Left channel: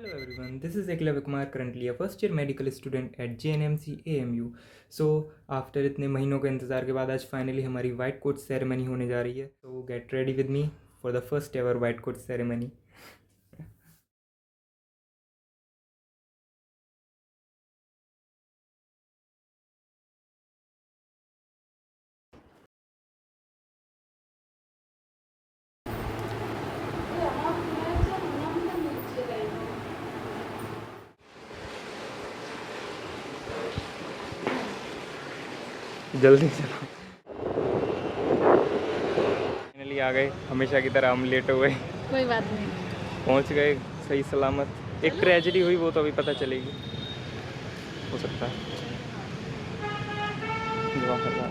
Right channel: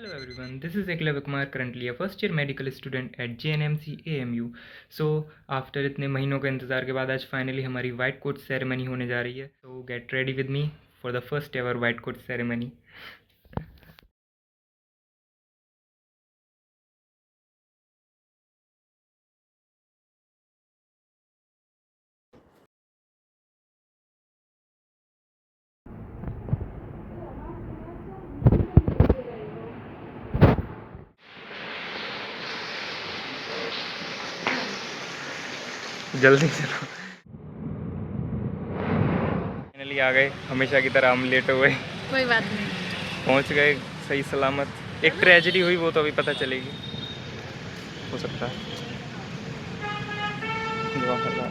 Hello everyone, this is Eklavya Kumar, currently a first year medical student at JNMC AMU. So after इतने महीनों के इंतज़ार के बाद आज फाइनली हमारी वाइट कोट सेरेमनी होने जा रही है. So get ready with me for the first ever white coat ceremony. जल्दी चलो. फाइनली आ गए, हमेशा की तरह हम लेट हुए. कोई बात नहीं. पहुंच गए सही सलामत. एक ट्रेजेडी हुई, वो तो अभी पता चलेगी, हो सकता है. दुआ करना.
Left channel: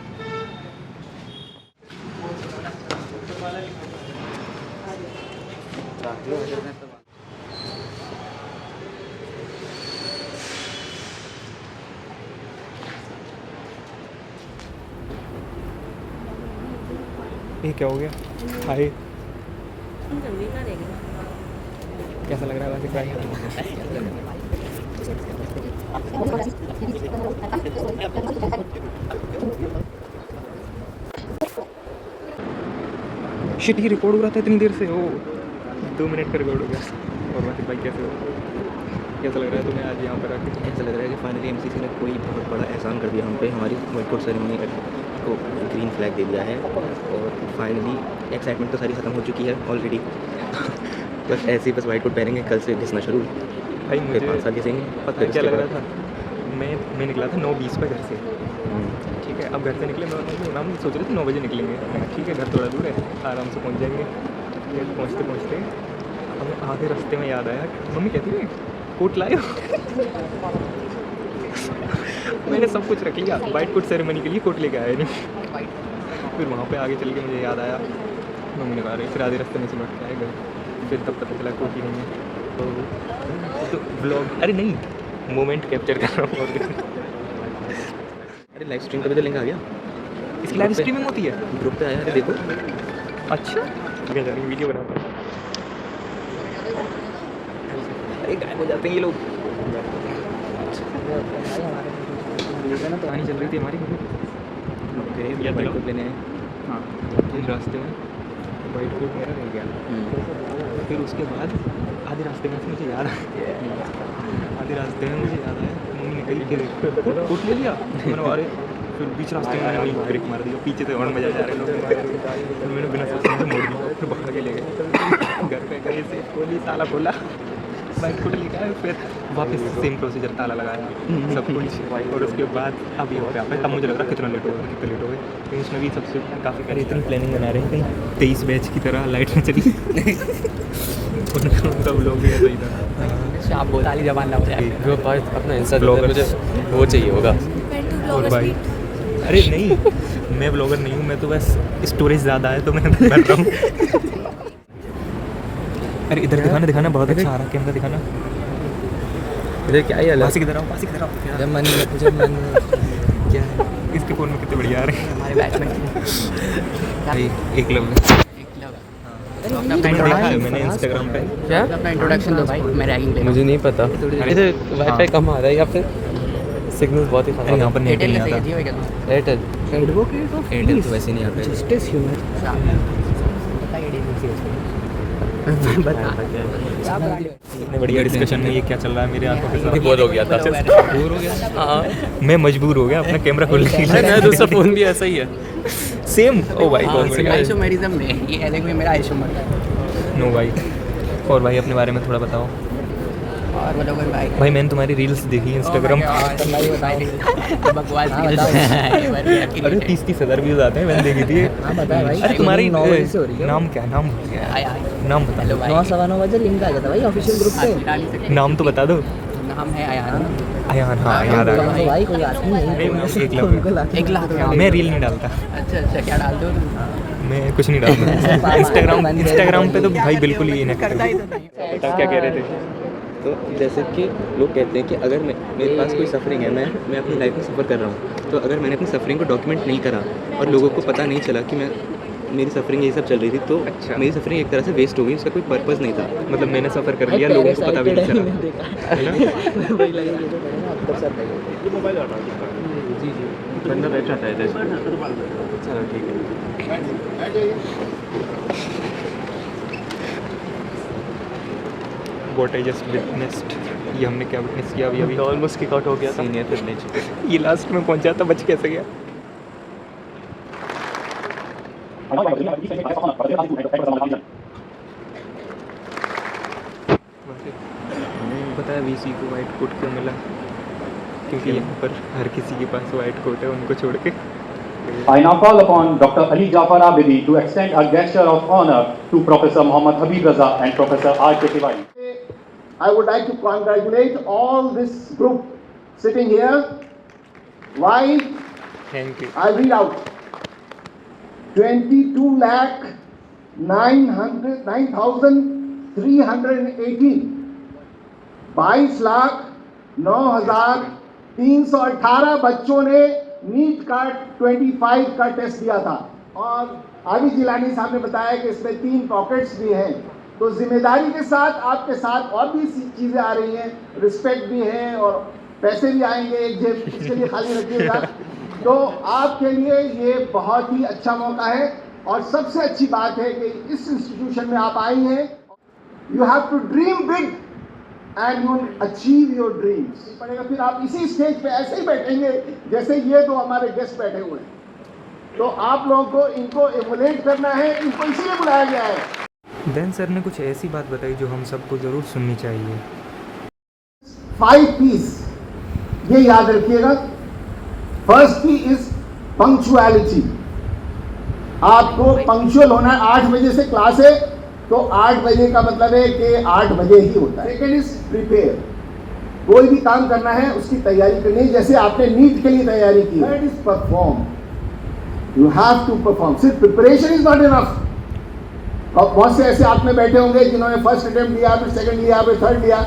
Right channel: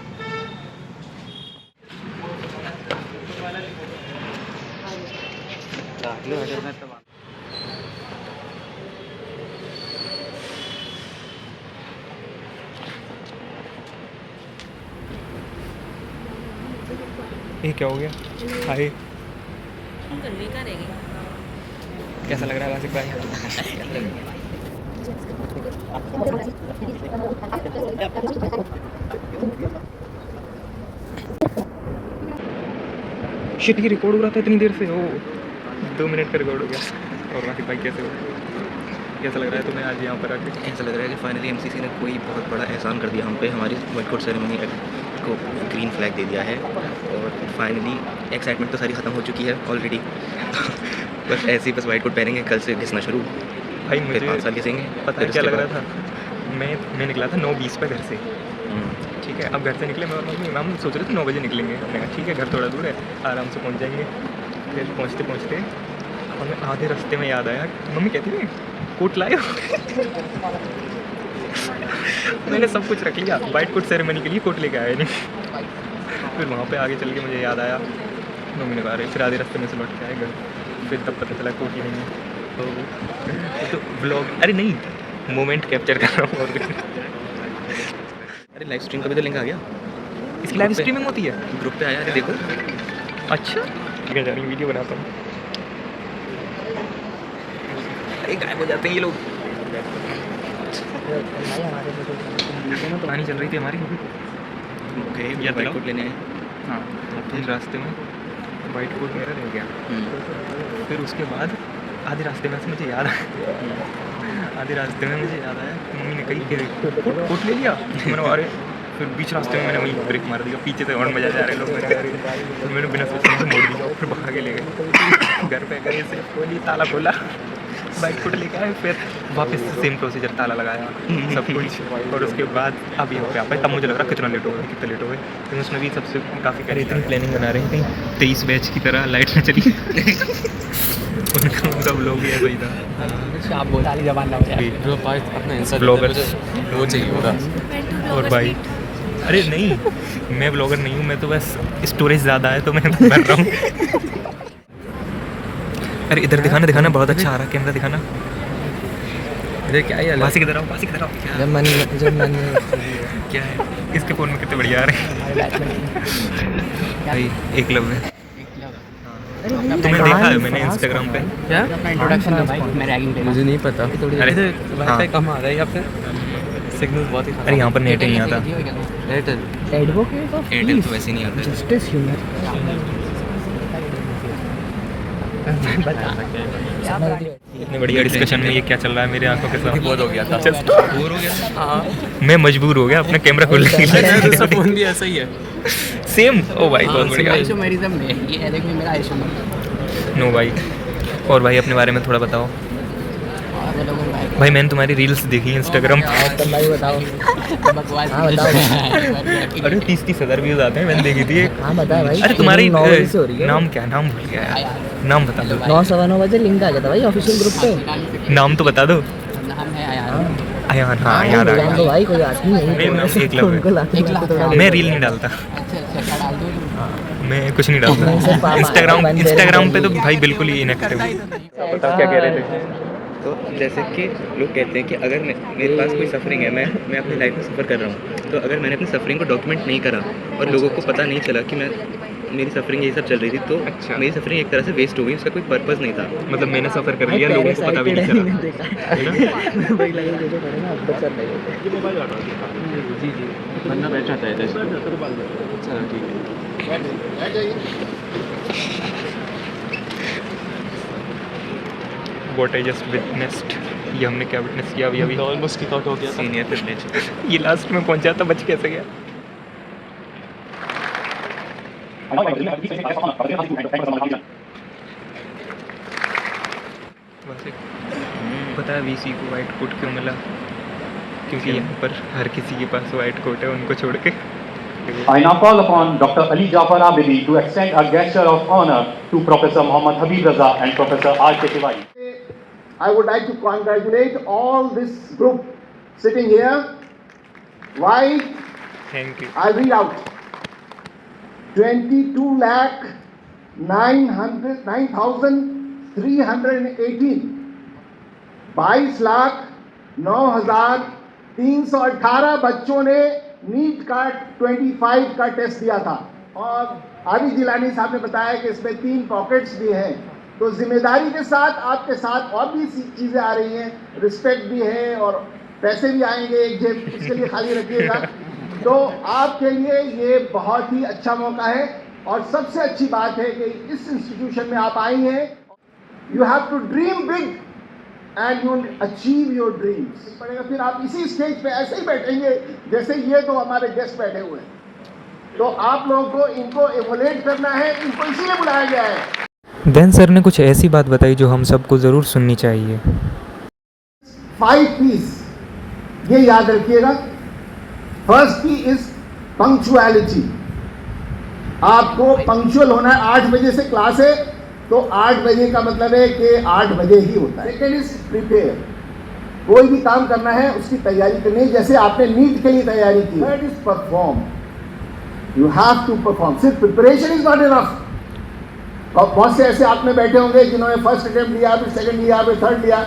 ये क्या हो गया? हाय, कैसा लग रहा है वासिफ भाई? शिट, ये रिकॉर्ड हो रहा था इतनी देर से. ओ 2 मिनट का रिकॉर्ड हो गया. और वासिफ भाई कैसे हो? कैसा लग रहा है तुम्हें आज यहाँ पर आके? ऐसा लग रहा है कि फाइनली एमसीसी ने कोई बहुत बड़ा एहसान कर दिया हम पे. हमारी वाइट कोट सेरेमनी को ग्रीन फ्लैग दे दिया है और फाइनली एक्साइटमेंट तो सारी ख़त्म हो चुकी है ऑलरेडी. बस ऐसे ही बस वाइट कोट पहनेंगे, कल से घिसना शुरू. भाई मुझे 5 साल घिसेंगे. पता है क्या लग रहा था? मैं निकला था 9:20 पे घर से. ठीक है, अब घर से निकले, हम सोच रहे थे 9 बजे निकलेंगे. मैंने कहा ठीक है, घर थोड़ा दूर है, आराम से पहुँच जाएंगे. फिर पहुँचते पहुँचते हमें आधे रास्ते में याद आया, मम्मी कहती है कोट लाए हो? मैंने सब कुछ रख लिया, वाइट कोट सेरेमनी के लिए कोट लेके आया नहीं. फिर वहाँ पे आगे चल के मुझे याद आया, मम्मी ने कहा रहे. फिर आधे रास्ते में से लौट के आए घर. फिर तब पता चला कोट ही नहीं है. तो ब्लॉग, अरे नहीं, मोमेंट कैप्चर कर रहा हूँ और कुछ नहीं. अरे लाइव स्ट्रीम का भी तो लिंक आ गया. इसकी लाइव स्ट्रीमिंग होती है? ग्रुप पे आया है, देखो. अच्छा ठीक है, जानी वीडियो बनाता हूँ. अरे गायब हो जाते हैं ये लोग. कहानी चल रही थी हमारी. ओके, या वाइट तो कोट लेने आए. हाँ, हम रास्ते में वाइट कोट मेरा रह गया. फिर उसके बाद आधे रास्ते में से मुझे याद आया, मम्मी ने कही कि कोट ले लिया. मैंने कहा अरे. फिर बीच रास्ते में मैंने वही ब्रेक मार दिया, पीछे से हॉर्न बजा जा रहे लोग. मैंने बिना सोचे से मोड़ दिया, फिर भाग के ले गए. घर पे गए से खोली, ताला खोला, वाइट कोट लेके आए. फिर वापस सेम प्रोसीजर, ताला लगाया, सब कुछ. और उसके बाद अब यहाँ पे आ पाए. तब मुझे लग रहा कितना लेट हो गए, कितने लेट हो गए. लेकिन उसमें भी सबसे काफ़ी करी इतनी प्लानिंग बना रहे हैं कहीं 23 बैच की तरह लाइट में चली. उनका ब्लॉग भी ऐसा ही था. ताली जबान ना हो जाए. ब्लॉगर्स वो चाहिए होगा. और भाई, अरे नहीं, मैं ब्लॉगर नहीं हूँ, मैं तो बस स्टोरेज ज़्यादा है तो मैं भर रहा हूँ. अरे इधर दिखाना, बहुत अच्छा आ रहा है कैमरा, दिखाना. अरे क्या है, पास किधर आओ. क्या है इसके फ़ोन में, कितने बढ़िया आ रहे हैं भाई. एकलव्य, तुम्हें देखा है मैंने इंस्टाग्राम पे. क्या अपना इंट्रोडक्शन दो भाई, मैं रैगिंग दे. मुझे नहीं पता. अरे वाईफाई कम आ रहा है या फिर सिग्नल बहुत ही. अरे यहाँ पर नेट नहीं आता. एयरटेल. एडवोकेट ऑफ एयरटेल तो वैसे नहीं आता. जस्टिस इतने बढ़िया डिस्कशन में ये क्या चल रहा है मेरे आंखों के सामने. बोर हो गया था. बोर हो गया. मैं मजबूर हो गया अपना कैमरा खोलने के लिए. फोन भी ऐसा ही है. सेम. ओ भाई बहुत बढ़िया. आइसोमेरिज्म में ये अलग में मेरा आइसोमर. नो भाई. और भाई अपने बारे में थोड़ा बताओ. और बोलो भाई. भाई मैंने तुम्हारी रील्स देखी इंस्टाग्राम पे. बकवास. अरे 30-30 हज़ार व्यूज आते हैं, मैंने देखी थी. अरे तुम्हारी नाम क्या, नाम भूल गया. नाम बता दो. 9:09 बजे लिंक आ जाता भाई ऑफिशियल ग्रुप पे. नाम तो बता दो. नाम है अयान. अयान, हाँ याद आ गया. भाई कोई आदमी नहीं. मेरा नाम एकलव्य. 1 लाख. मैं रील नहीं डालता. अच्छा क्या डाल दो. मैं कुछ नहीं डालता. इंस्टाग्राम पे तो भाई बिल्कुल ही इनएक्टिव. बताओ क्या कह रहे थे. तो जैसे कि लोग कहते हैं कि अगर मेरे पास कोई सफरिंग है, मैं अपनी लाइफ में सफ़र कर रहा हूँ, तो अगर मैंने अपनी सफरिंग को डॉक्यूमेंट नहीं करा और लोगों को पता नहीं चला कि मैं मेरी सफरिंग यही सब चल रही थी, तो अच्छा। मेरी सफरिंग एक तरह से वेस्ट हो गई, उसका कोई पर्पस नहीं था। मतलब मैंने सफ़र कर लिया, लोगों को पता भी नहीं चला, है ना? वही लगे जो पड़े ना आपको सर लगे। जी जी, बंदा बैठ जाता है चलो ठीक है। What I just witnessed, ये हमने क्या विटनेस किया अभी? ऑलमोस्ट किक आउट हो गया, सीनियर प्रिविलेज। ये लास्ट में पहुंचा था, बच कैसे गया? वैसे पता है वीसी को वाइट कोट क्यों मिला? क्योंकि यहाँ पर हर किसी के पास वाइट कोट है, उनको छोड़ के। I now call upon Dr. Ali Jafar Abidi to extend a gesture of honor to Professor Mohammad Habib Raza and Professor R.K. Tiwari. I would like to congratulate all this group sitting here. Why? Thank you. I read out 22 lakh 9,318 22 lakh 9,318 बच्चों ने NEET का 25 का test दिया था। और आदि जिलानी साहब ने बताया कि इसमें 3 पॉकेट्स भी हैं, तो जिम्मेदारी के साथ आपके साथ और भी चीज़ें आ रही हैं, रिस्पेक्ट भी है और पैसे भी आएंगे, एक जेब इसके लिए खाली रखिएगा। तो आपके लिए ये बहुत ही अच्छा मौका है, और सबसे अच्छी बात है कि इस इंस्टीट्यूशन में आप आई हैं। You have to dream big and you achieve your dreams. पड़ेगा फिर आप इसी स्टेज पे ऐसे ही बैठेंगे जैसे ये तो हमारे गेस्ट बैठे हुए हैं, तो आप लोगों को इनको एमुलेट करना है, इनको इसलिए बुलाया गया है। देन सर ने कुछ ऐसी बात बताई जो हम सबको ज़रूर सुननी चाहिए। 5 P's ये याद रखिएगा। First P is punctuality. आपको पंक्चुअल होना है। 8 बजे से क्लास है, तो 8 बजे का मतलब है कि 8 बजे ही होता है। Second is prepare. कोई भी काम करना है उसकी तैयारी करनी है, जैसे आपने नीट के लिए तैयारी की। Third is perform. You have to perform. सिर्फ प्रिपरेशन इज नॉट इनफ। बहुत से ऐसे आप में बैठे होंगे जिन्होंने फर्स्ट अटेम्प्ट लिया, फिर सेकंड लिया, फिर थर्ड लिया,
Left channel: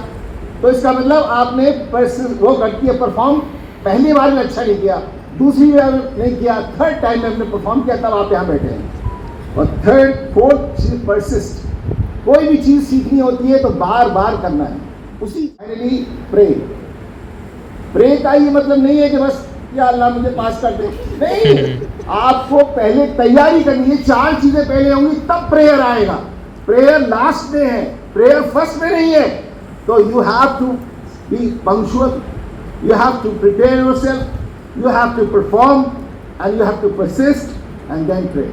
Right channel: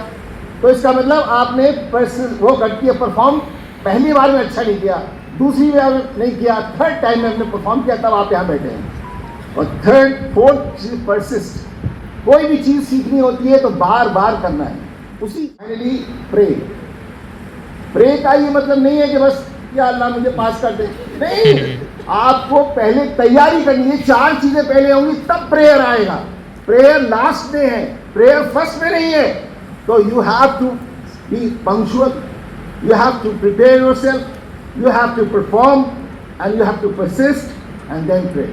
तो इसका मतलब आपने वो करती है परफॉर्म। पहली बार में अच्छा नहीं किया, दूसरी बार नहीं किया, थर्ड टाइम में आपने परफॉर्म किया, तब आप यहाँ बैठे हैं। और थर्ड फोर्थ परसिस्ट। कोई भी चीज़ सीखनी होती है तो बार बार करना है। उसी फाइनली प्रे। प्रे का ये मतलब नहीं है कि बस या अल्लाह मुझे पास कर दे, नहीं। आपको पहले तैयारी करनी है। 4 चीजें पहले होंगी तब प्रेयर आएगा। प्रेयर लास्ट में है, प्रेयर फर्स्ट में नहीं है। तो you have to be punctual, you have to prepare yourself, you have to perform, and you have to persist, and then pray.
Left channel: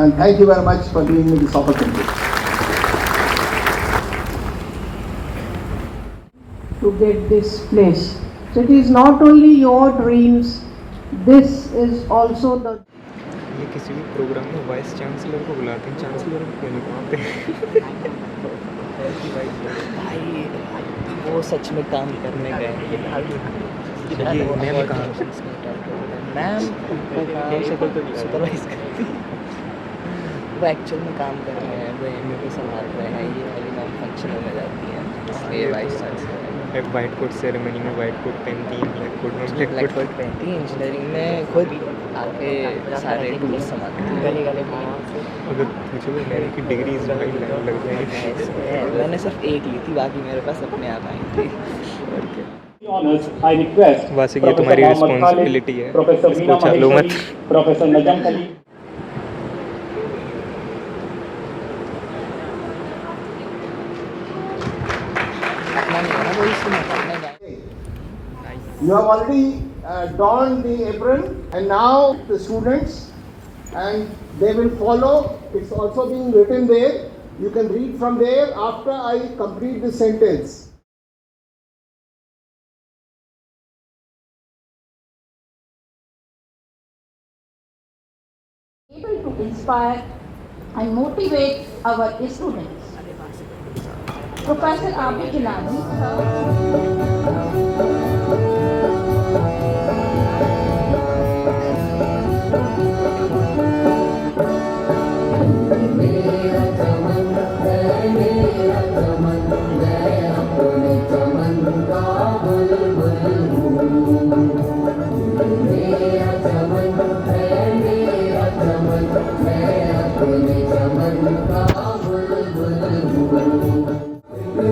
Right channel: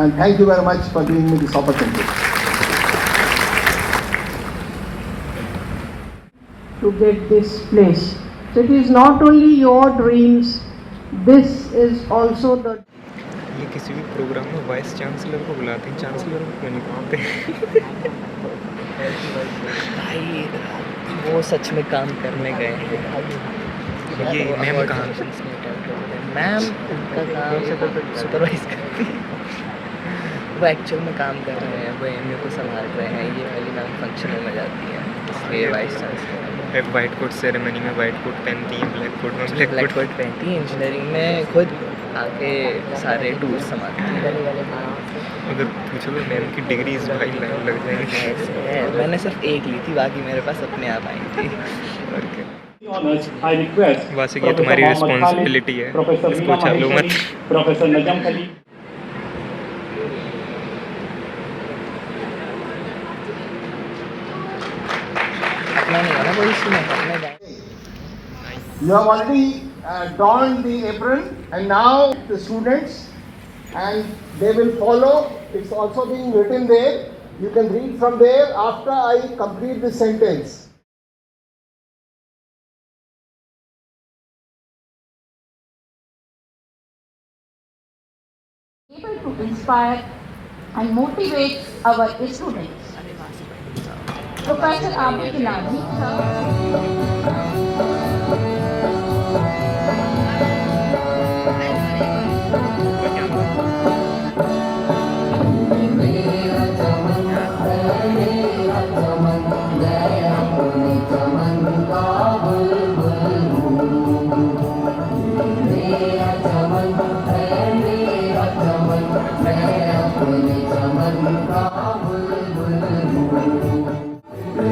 And thank you very much for giving me this opportunity. To get this place. So it is not only your dreams, this is also the. ये किसी भी programme में vice chancellor को बुलाते हैं, chancellor को क्यों नहीं बुलाते? भाई वो सच में काम करने गए हैं। ये मैम कहाँ? मैम उनका काम सुपरवाइज करती है, वो एक्चुअल में काम कर रहे हैं, वो एमए को संभाल रहे हैं। ये वाली मैम फंक्शन में जाती हैं, इसलिए vice chancellor. White coat ceremony में वाइट कोट पहनती हैं, ब्लैक कोट में ब्लैक ब्लैक कोट पहनती है। इंजीनियरिंग में खुद आके सारे टूल्स संभालती हैं। अगर पूछो तो मैम की डिग्री इस भाई लाइन लग जाएगी। मैंने सिर्फ 1 ली थी, बाकी मेरे पास अपने आप आई थी। Honors, I request वासिक, ये तुम्हारी रिस्पॉन्सिबिलिटी है, Professor इसको चालो मत। Professor Najam Khalid. You have already donned the apron, and now the students, and they will follow. It's also being written there. You can read from there after I complete the sentence. Able to inspire and motivate our students. Professor Abid Gilani. मेरा चमन है, मेरा चमन है। ये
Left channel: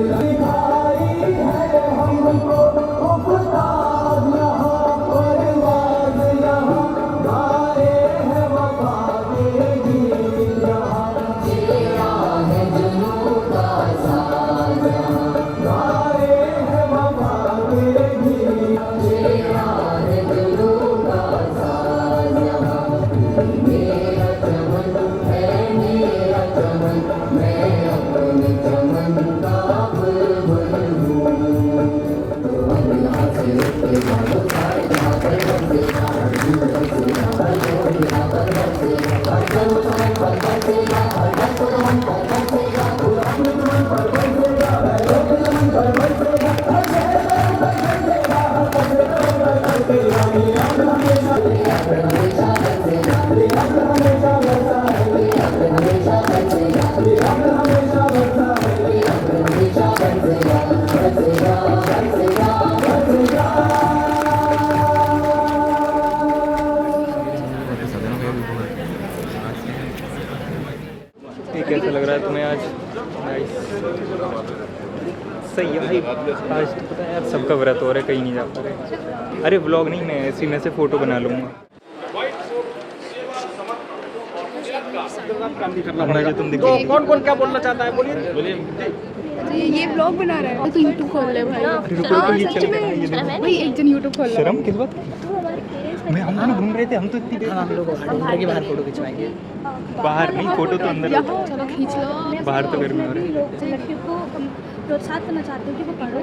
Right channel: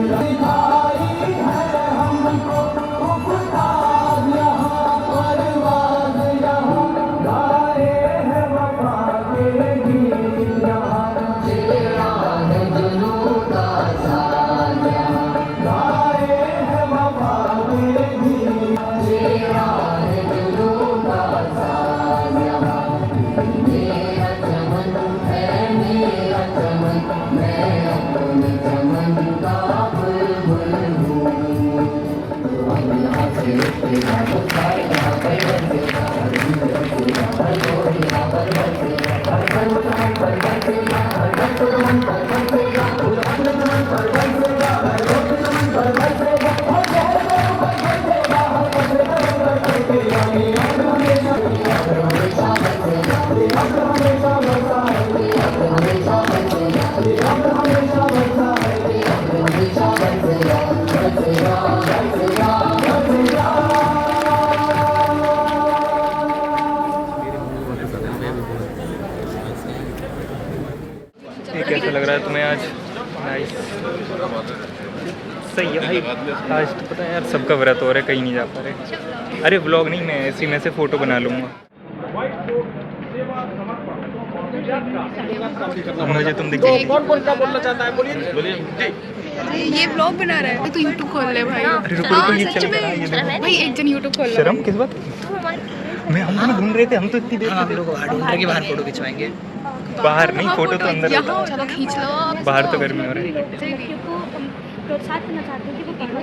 कैसा लग रहा है तुम्हें आज? नाइस, सही है भाई। आज तो पता है यार सबका व्रत हो रहा है, कहीं नहीं जा पा रहे। अरे व्लॉग नहीं, मैं इसी में से फ़ोटो बना लूँगा। मुझे तुम दिख गई। कौन क्या बोलना चाहता है? बोलिए। ये ब्लॉग बना रहा है तो यूट्यूब खोल ले भाई। अरे रुको रुको, ये चल रहा है, ये देखो। भाई एक जन यूट्यूब खोल ले। शर्म किस बात की? मैं हम दोनों घूम रहे थे, हम तो इतनी देर हम लोग बाहर बाहर फोटो खिंचवाएंगे। बाहर नहीं, फोटो तो अंदर होता है। चलो खींच लो। बाहर तो गर्मी हो रही है।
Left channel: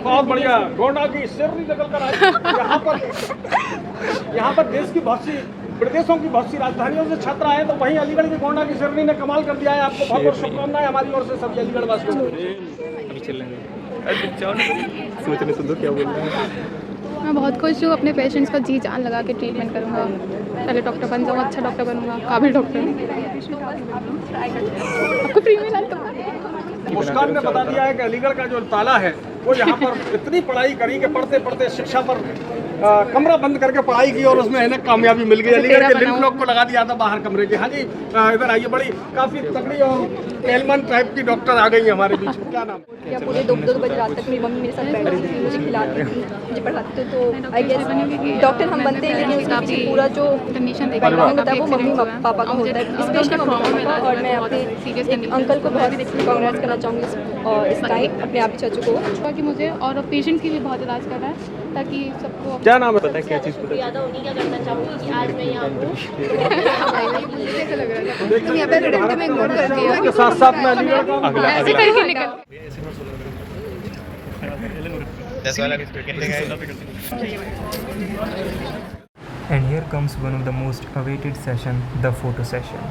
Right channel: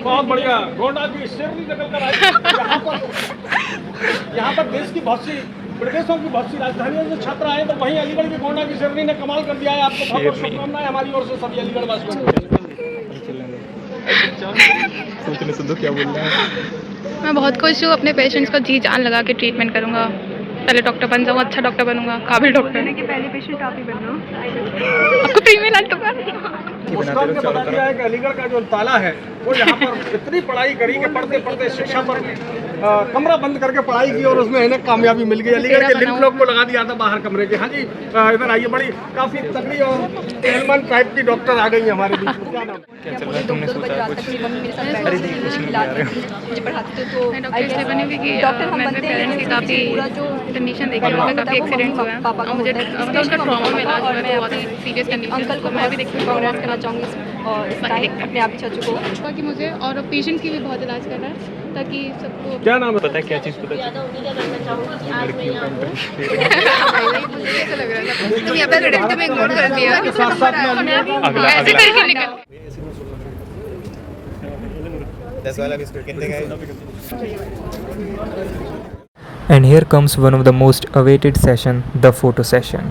बहुत बढ़िया। गोंडा की शेरनी निकल कर आई। यहाँ पर देश की बहुत सी प्रदेशों की बहुत सी राजधानियों से छात्र आए, तो वहीं अलीगढ़ की गोंडा की शेरनी ने कमाल कर दिया है। आपको बहुत बहुत शुभकामनाएं हमारी ओर से सभी अलीगढ़ वासियों को। सोचने से तो क्या बोल रहा है। मैं बहुत खुश हूँ, अपने पेशेंट्स को जी जान लगा के ट्रीटमेंट करूँगा। पहले डॉक्टर बन जाऊँ, अच्छा डॉक्टर बनूंगा, काबिल डॉक्टर। पहले पेशेंट आप ही बन जाओ। आपको फ्री में इलाज तो मुस्कान ने बता दिया है कि अलीगढ़ का जो ताला है वो यहाँ पर इतनी पढ़ाई करी कि पढ़ते पढ़ते शिक्षा पर कमरा बंद करके पढ़ाई की और उसमें इन्हें कामयाबी मिल गई। अलीगढ़ के लिंक लोग को लगा दिया था बाहर कमरे के। हाँ जी, इधर आइए। बड़ी काफ़ी तगड़ी और एलमन टाइप की डॉक्टर आ गई हमारे बीच में। क्या नाम क्या चल रहा है? तुमने सोचा कुछ? अरे देखिए कुछ नहीं आ रहे हो। मैं डॉक्टर इसलिए बनी क्योंकि मैं अपने पेरेंट्स की काफ़ी कंडीशन देखी, उनका काफ़ी एक्सीडेंट्स हुआ है और मुझे मतलब उसका ट्रॉमा में इलाज हुआ है, बहुत ही सीरियस कंडीशन। तो मैं भी देखती हूँ ट्रॉमा करना चाहूँगी और अपने आप चाचू को बाकी मुझे और पेशेंट्स की भी बहुत इलाज करना है ताकि सबको। क्या नाम है? पता है क्या चीज़ पता है? मुझे कैसा लग रहा था? तुम यहाँ पे खड़े थे, मैं इग्नोर कर दिया। साथ साथ में अगला ऐसे अगला करके निकल। And here comes one of the most awaited session, the photo session.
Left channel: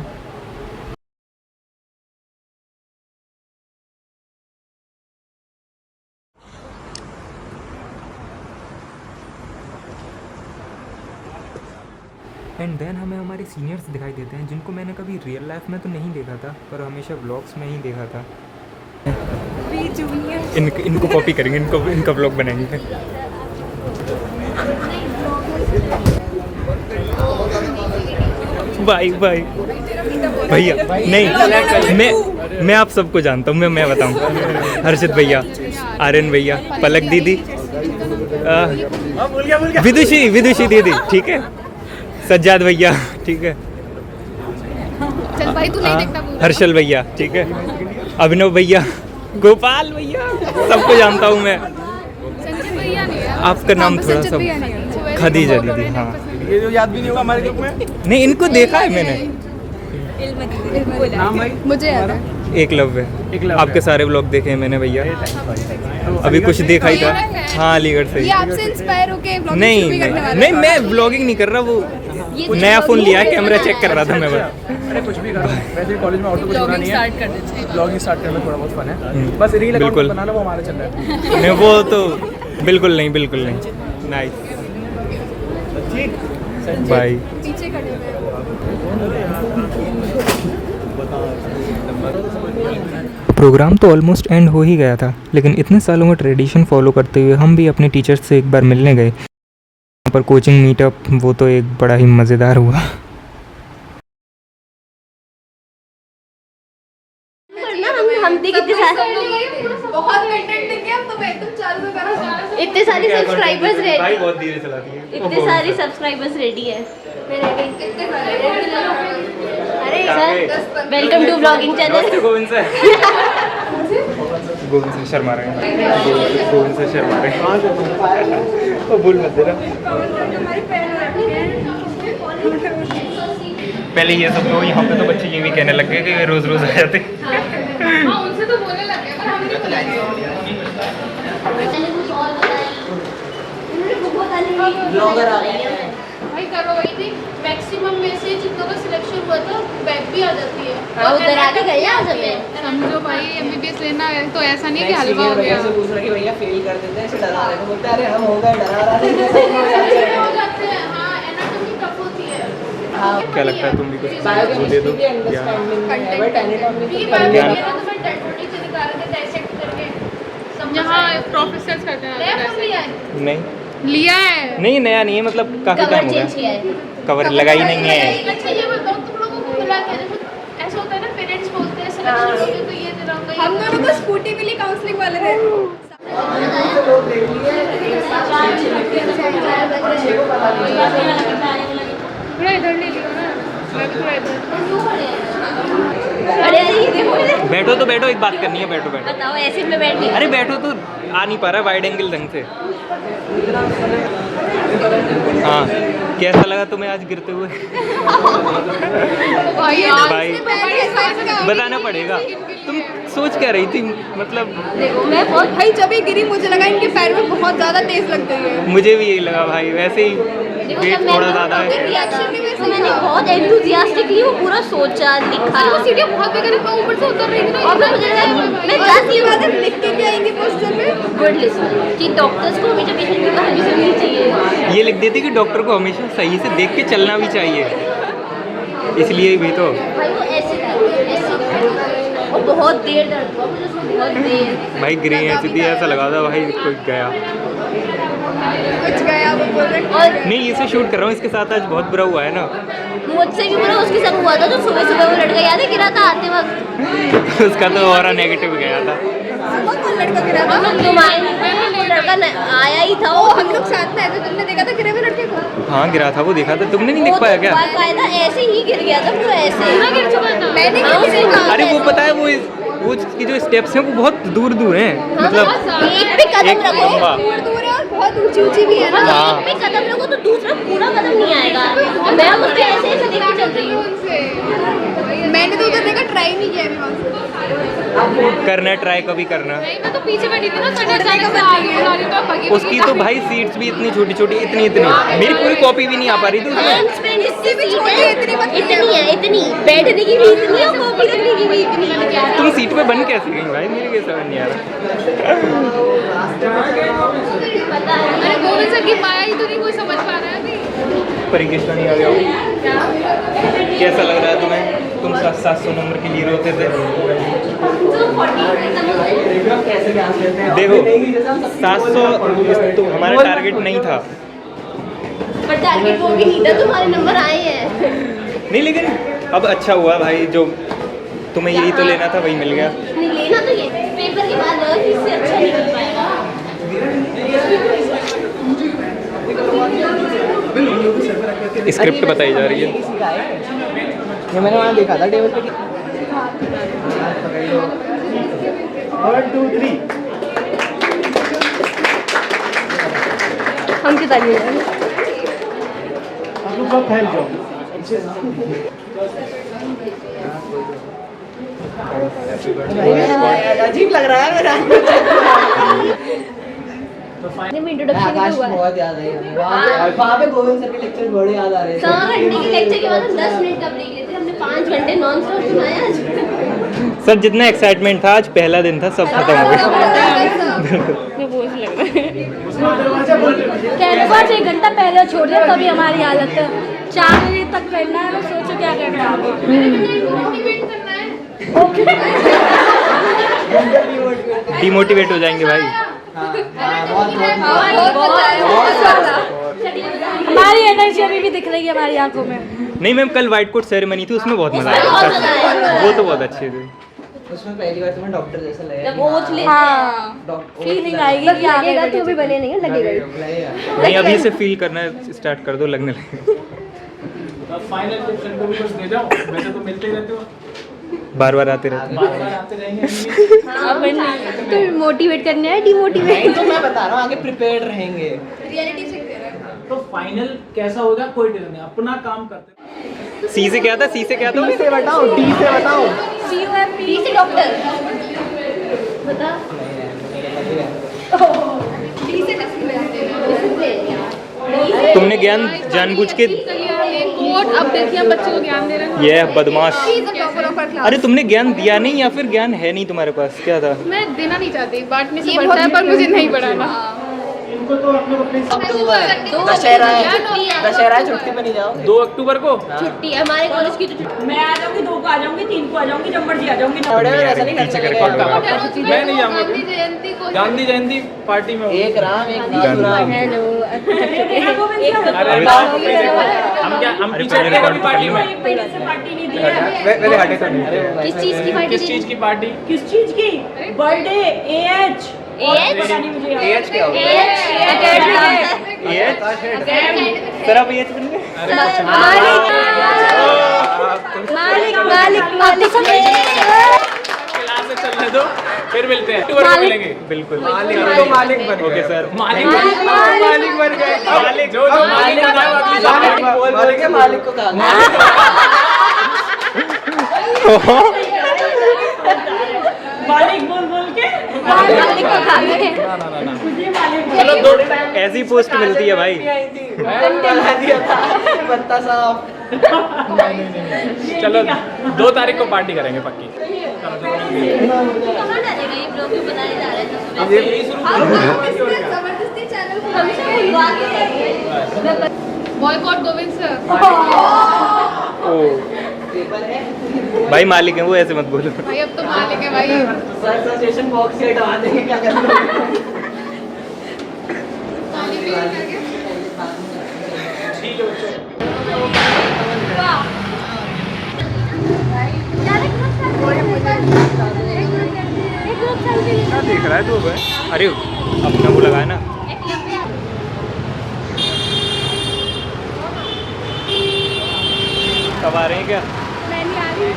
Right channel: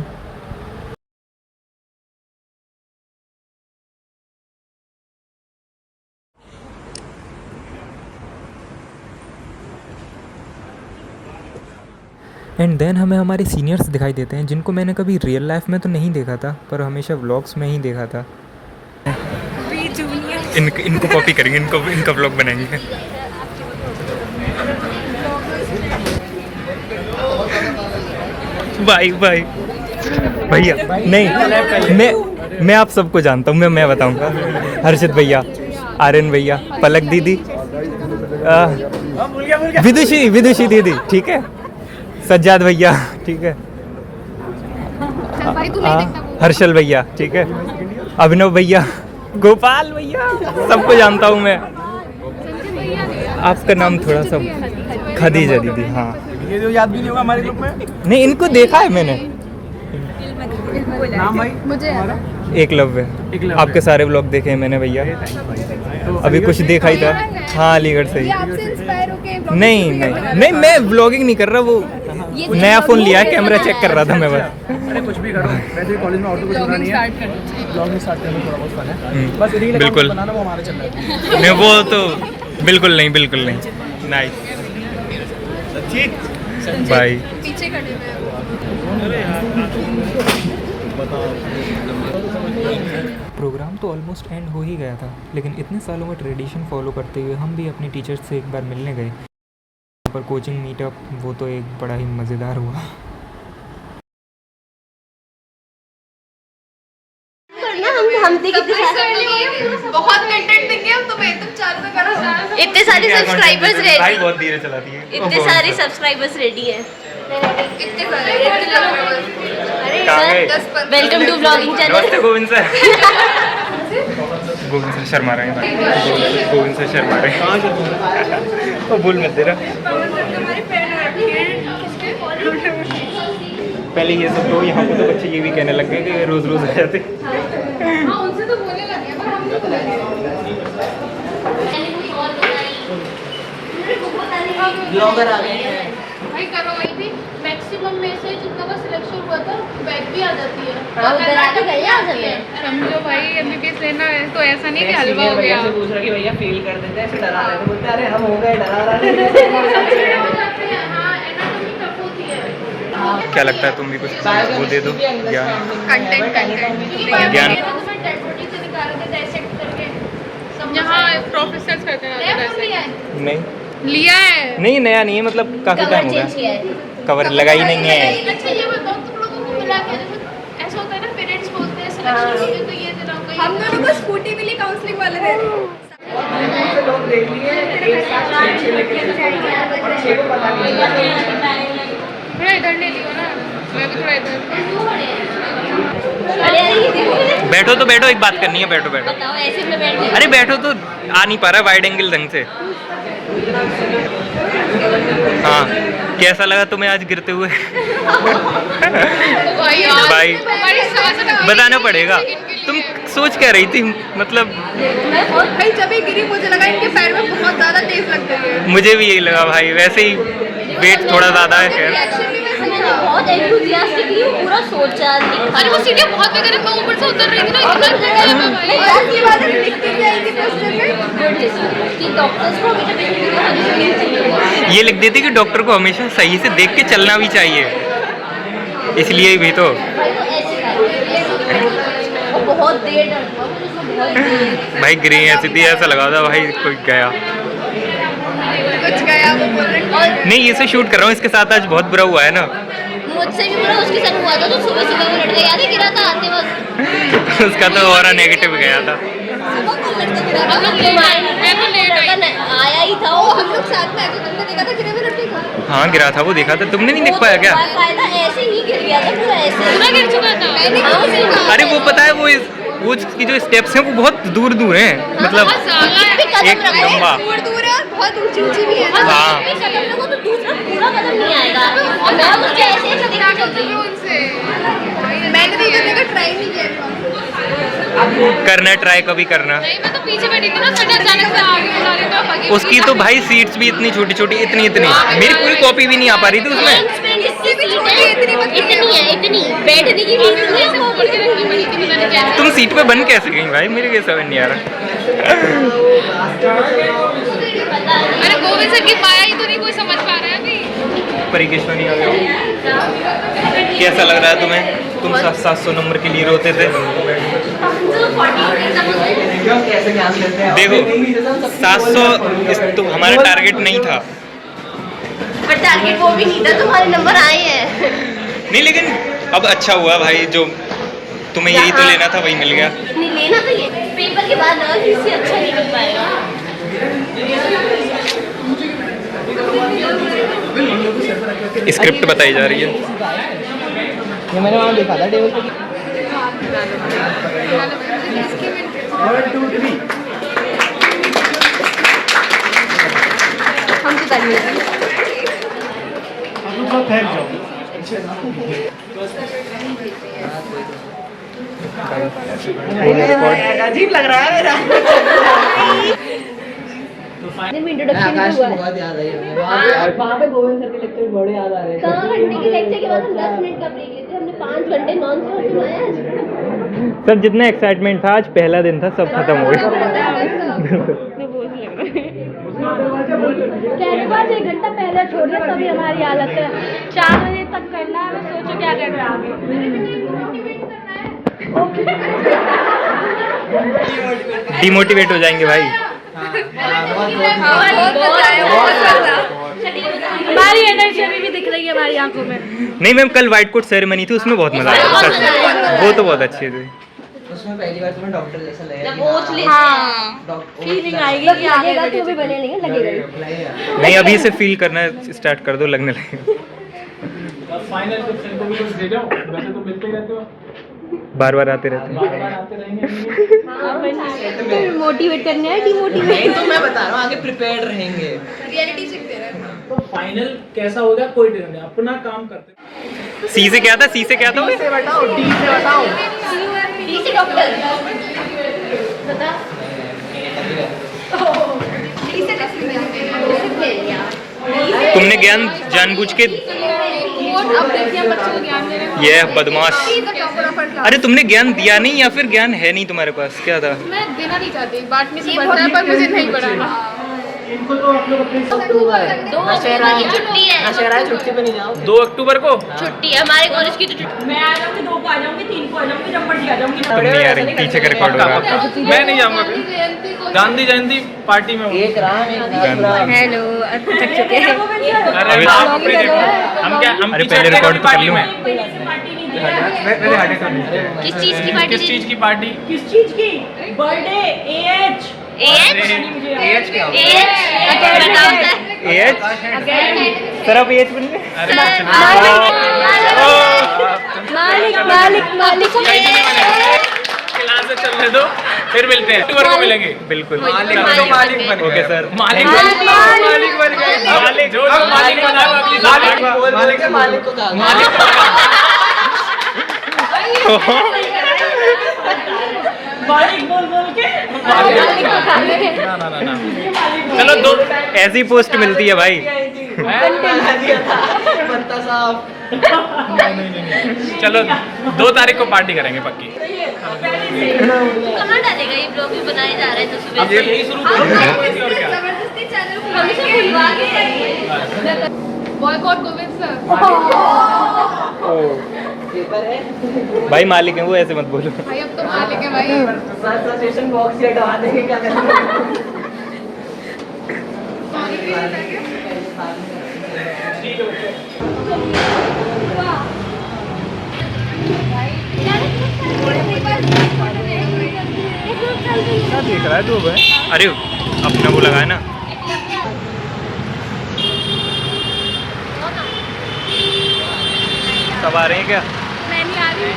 And then हमें हमारे सीनियर्स दिखाई देते हैं जिनको मैंने कभी रियल लाइफ में तो नहीं देखा था, पर हमेशा व्लॉग्स में ही देखा था। इनको कॉपी करेंगे, इनका व्लॉग बनाएंगे। भाई भाई भैया नहीं, मैं आप सबको जानता हूँ। मैं बताऊँ, हर्षित भैया, आर्यन भैया, पलक दीदी, विदुषी दीदी, ठीक है, सज्जाद भैया, ठीक है, हर्षल भैया, ठीक है, अभिनव भैया, गोपाल भैया, सबको जानता हूँ मैं। आपका नाम थोड़ा सा, खदीजा दीदी, हाँ। ये जो याद भी नहीं होगा हमारे ग्रुप में। नहीं, इनको देखा है मैंने। मुझे एकलव्य, आपके सारे व्लॉग देखे हैं मैंने भैया। अभी कुछ देखा ही था। हाँ, अलीगढ़ से ही। नहीं, मैं व्लॉगिंग नहीं कर रहा, वो नया फ़ोन लिया है, कैमरा चेक कर रहा था मैं बस। अरे कुछ भी करो, वैसे कॉलेज में और तो कुछ होना नहीं है। ब्लॉगिंग स्टार्ट करने में थोड़ा बहुत फन है, बस रील बिल्कुल बनाना वो हमारे चल रहा है। नहीं, वो तो बिल्कुल नहीं। Nice, bye. पीछे खड़े हुए। प्रोग्राम तो ऑलमोस्ट एंड हो ही गया था, लेकिन इतने सालों का ट्रेडिशन फॉलो करते हुए हम भी अपने टीचर्स से एक बार मिलने गए। यहाँ पर कोचिंग मीटअप, वो तो एक बड़ा ही मज़ेदार हुआ। हम जानती कितने सारे बहुत कंटेंट देंगे हम तो तुम चालू में करो इतने सारे सब्सक्राइबर्स भाई रेडी बहुत धीरे चलाती है। इतने सारे सब्सक्राइबर्स रेडी हैं कितने सारे वेलकम टू व्लॉगिंग चैनल नमस्ते गोविंद सर। गोविंद सर शर्मा रहे हैं भाई, गोविंद सर शर्मा रहे हैं। वो भूल मत देना। पहले ये सब तो यहाँ पे तो बच्चे ये भी कहने लग गए कि रोज रोज आ जाते। उनसे तो बोलने लग गए पर हम ब्लॉगर आ गए भाई करो वही थी मैक्सिमम में से जितना का सिलेक्शन हुआ था बैक भी आ जाती है। उधर आके गए आज हमें समझो भाई एमबीबीएस लेना है तो ऐसा नहीं कि हलवा हो गया पूछ रहा कि भैया फेल कर देते हैं, ऐसे डरा रहे थे, बोलते अरे हम हो गए डरा रहे हो जाते हैं। हाँ एनाटॉमी टफ होती है। क्या लगता है तुम भी कुछ वो दे दो ज्ञान? ज्ञान ज्ञान यहाँ प्रोफेसर्स करते हैं नहीं लिया है नहीं नया नहीं है, मतलब काफी टाइम हो गया कवर लगाई नहीं है। अच्छा ये बताओ तुम लोगों को मिला के ऐसा होता है ना पेरेंट्स बोलते हैं सिलेक्शन के लिए तो ये दिलाऊंगा। हम दोनों को स्कूटी मिली काउंसलिंग वाले ने। थोड़ा इधर ले लियो ना, मैं भी थोड़ा इधर। बैठो तो बैठो, एक बात करनी है, बैठो बैठो। बताओ ऐसे में बैठने अरे बैठो तो आ नहीं पा रहा वाइड एंगल ढंग से। हाँ कैसा लगा तुम्हें आज गिरते हुए? भाई बताना पड़ेगा। तुम सोच क्या रही थी? मतलब भाई जब ये गिरी मुझे लगा इनके पैर में बहुत ज़्यादा तेज लग गई है। मुझे भी यही लगा भाई, वैसे ही वेट थोड़ा ज़्यादा है। खैर मैंने बहुत एंथुसियास्टिकली वो पूरा सोचा लिखा। अरे वो सीढ़ियाँ बहुत बेकार मैं ऊपर से उतर रही थी ना। मैं जाती बात लिख के जाएंगे क्वेश्चन में गुड लिसनिंग कि डॉक्टर्स को हमेशा पेशेंट को हमेशा सुननी चाहिए। ये लिख देती कि डॉक्टर को हमेशा सही से देख के चलना भी चाहिए, इसलिए भी तो। भाई वो ऐसे और बहुत देर डर हुआ मुझे उसको, बहुत देर। भाई गिरी ऐसी थी, ऐसा लगा था भाई कोई गया। कुछ गया वो बोल रहे नहीं इसे शूट कर रहा हूँ, इसके साथ आज बहुत बुरा हुआ है ना। मुझसे भी बुरा उसके साथ हुआ था, तो सुबह सुबह वो लड़का याद है गिरा था आते वक्त। उसका तो और नेगेटिव गया था। सुबह कोई लड़का गिरा था, तुम आए नहीं थे, वो लड़का आया ही था। वो हम लोग साथ में आए तो तुमने देखा था गिरे हुए लड़के को? हाँ गिरा था, वो देखा था, तुमने नहीं देख पाया क्या? बाकायदा ऐसे ही गिर गया था पूरा ऐसे। पूरा गिर चुका था। मैंने अरे वो पता है वो उसकी जो स्टेप्स हैं वो बहुत दूर दूर हैं, मतलब एक लंबा। दूर है और बहुत ऊंची ऊंची भी है ना। हाँ एक कदम लगो तो दूसरा पूरा कदम नहीं आएगा। और मैं उसके ऐसे ऐसे देख के चलती हूँ। उनसे मैंने तो करने का ट्राई नहीं किया था। करना ट्राई कभी करना। नहीं मैं तो पीछे बैठी थी ना, मैंने अचानक से आगे उसकी तो भाई सीट्स भी इतनी छोटी छोटी, इतनी इतनी, मेरी पूरी कॉपी भी नहीं आ पा रही थी उसमें। इतनी है, इतनी बैठने की भी इतनी है, कॉपी करने की भी इतनी है। तुम सीट पे बन कैसे गई भाई? मेरे के समझ नहीं आ रहा। अरे गोविंद सर की माया ही तो नहीं कोई समझ पा रहा है अभी। परीक्षण नहीं आ गया हो। कैसा लग रहा है तुम्हें? तुम 700 नंबर के लिए रोते थे। देखो 700 तुम हमारा टारगेट नहीं था। पर टारगेट वो भी नहीं था, तुम्हारे नंबर आए हैं। नहीं लेकिन अब अच्छा हुआ भाई, जो तुम्हें यही तो लेना था वही मिल गया। नहीं लेना तो ये पेपर के बाद लगा कि इससे अच्छा नहीं मिल पाएगा। स्क्रिप्ट बताई जा रही है। ये मैंने वहाँ देखा था टेबल पे। 1 2 3 हम की ताली है। अजीब लग रहा है मेरा। इंट्रोडक्शन भी हुआ है। बहुत याद है वहाँ पे गोविंद सर के लेक्चर बड़े याद आ रहे थे। 4 घंटे के लेक्चर के बाद हम 10 मिनट का ब्रेक लेते, हमने 5 घंटे नॉन स्टॉप सुनाया आज। सर जितना एक्साइटमेंट था, आज पहला दिन था, सब खत्म हो गया। कहने 1 घंटा पहले छोड़ दिया तभी हमारी आदत है 4 बजे तक करना है। सोचो क्या करना है। डिमोटिवेट हो जाएंगे भाई। हमारी एनर्जी अभी भी दिख रही है हमारी आंखों में। नहीं मैम, कल व्हाइट कोट सेरेमनी थी, उसमें बहुत मजा आया। सच वो तो बहुत अच्छी थी। उसमें पहली बार तुम्हें डॉक्टर जैसा लगेगा। कोच ले फीलिंग आएगी बस लगेगा तो भी बने नहीं है लगेगा नहीं, अभी से फील करना स्टार्ट कर दो, लगने लगेगा। फाइनल कुछ इनको भी कुछ दे जाओ, वैसे तो मिलते ही रहते हो, बार बार आते रहते हैं। बार आते रहेंगे। तो मोटिवेट करना है डिमोटिवेट तो मैं बता रहा हूँ आगे प्रिपेयर्ड रहेंगे। रियलिटी सीखते रहे। तो फाइनल कैसा होगा कोई डर नहीं, अपना काम करते। सी से क्या था, सी से क्या था? डी से बताओ, डी से बताओ। डी से डॉक्टर बता डी से तुमने ज्ञान जानबूझ के अब देखिए हम बच्चों को ज्ञान दे रहे हैं। ये बदमाश। अरे तुमने ज्ञान दिया नहीं या फिर ज्ञान है नहीं तुम्हारे पास, क्या था? मैं देना नहीं चाहती, बांटने से बढ़ता है पर मुझे नहीं पढ़ाना। इनको तो आप लोग अपने दशहरा है, दशहरा है, छुट्टी पे नहीं जाओ। 2 अक्टूबर को छुट्टी है हमारे कॉलेज की। तो मैं आ जाऊंगी, 2 को आ जाऊंगी, 3 को आ जाऊंगी, जब मर्जी आ जाऊंगी। तुम नहीं आ रही, पीछे का रिकॉर्ड होगा। मैं नहीं जाऊंगा गांधी जयंती पार्टी में। एक राम एक नाथ। हेलो थक चुके हैं। अभी हम पीछे हटे थे पार्टी में। पार्टी नहीं दी है। किस चीज की पार्टी? किस चीज की पार्टी? किस चीज की? बर्थडे एएच एएच क्या होगा? एएच सर, आप एएच बनिए। मालिक मालिक मालिक क्लास से चलने दो, फिर मिलते हैं, अक्टूबर को मिलेंगे। बिल्कुल। मालिक बन ओके सर। मालिक बन गए। जो मालिक बना वो अपनी बोल के मालिक को कहा। मालिक बोल के मालिक को खा गए। ना चलो, 2 ऐसी पोस्ट मिलती है भाई। बनता साहब। चलो 2 तारीख को पार्टी करेंगे पक्की। कहाँ डालेगा ये ब्लॉग भी बनाए जा रहे हैं तो सुबह से यही शुरू करेंगे। जबरदस्ती चैनल हमेशा खुलवा के बॉयकॉट गोविंद सर। भाई मालिक है वो, ऐसे मत बोलो। भाई अब तो मालिक है भाई। सर सेशन बॉक्स से हटा देंगे, क्या करेंगे? क्या देख रहा है तू? अरे अपना वो लगाया ना। सब आ रहे हैं क्या? मैं नहीं आ रही।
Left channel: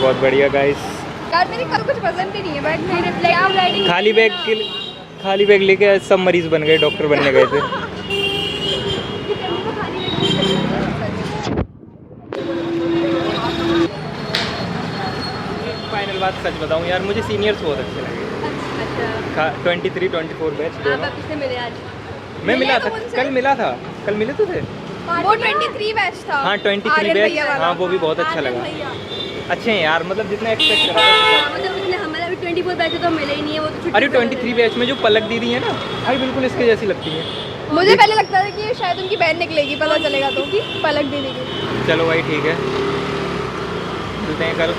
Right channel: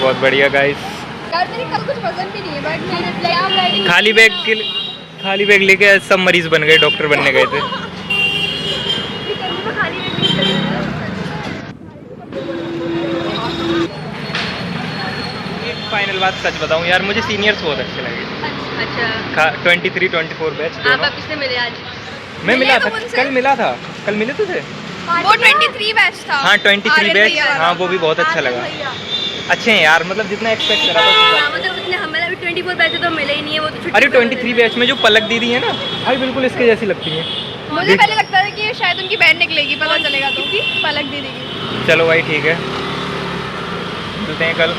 बहुत बढ़िया गाइस। यार मेरी कल कुछ पसंद भी नहीं है बट मेरे खाली बैग लेके सब मरीज बन गए, डॉक्टर बनने गए थे। फाइनल बात सच बताऊं यार, मुझे सीनियर्स बहुत अच्छे लगे। अच्छा 23-24 बैच आप दोनों। किससे मिले आज? मैं मिला था, कल मिला था। कल मिले थे? वो 23 बैच था। हाँ 23 बैच, हाँ वो भी बहुत अच्छा लगा। अच्छे हैं यार, मतलब जितना एक्सपेक्ट करा था। मतलब उसने हमारा भी 24 बैच तो मिले ही नहीं है, वो तो अरे 23 बैच में जो पलक दीदी है ना भाई, बिल्कुल इसके जैसी लगती है। मुझे पहले लगता था कि शायद उनकी बहन निकलेगी, पता चलेगा तो पलक दीदी की। चलो भाई ठीक है, मिलते हैं कल।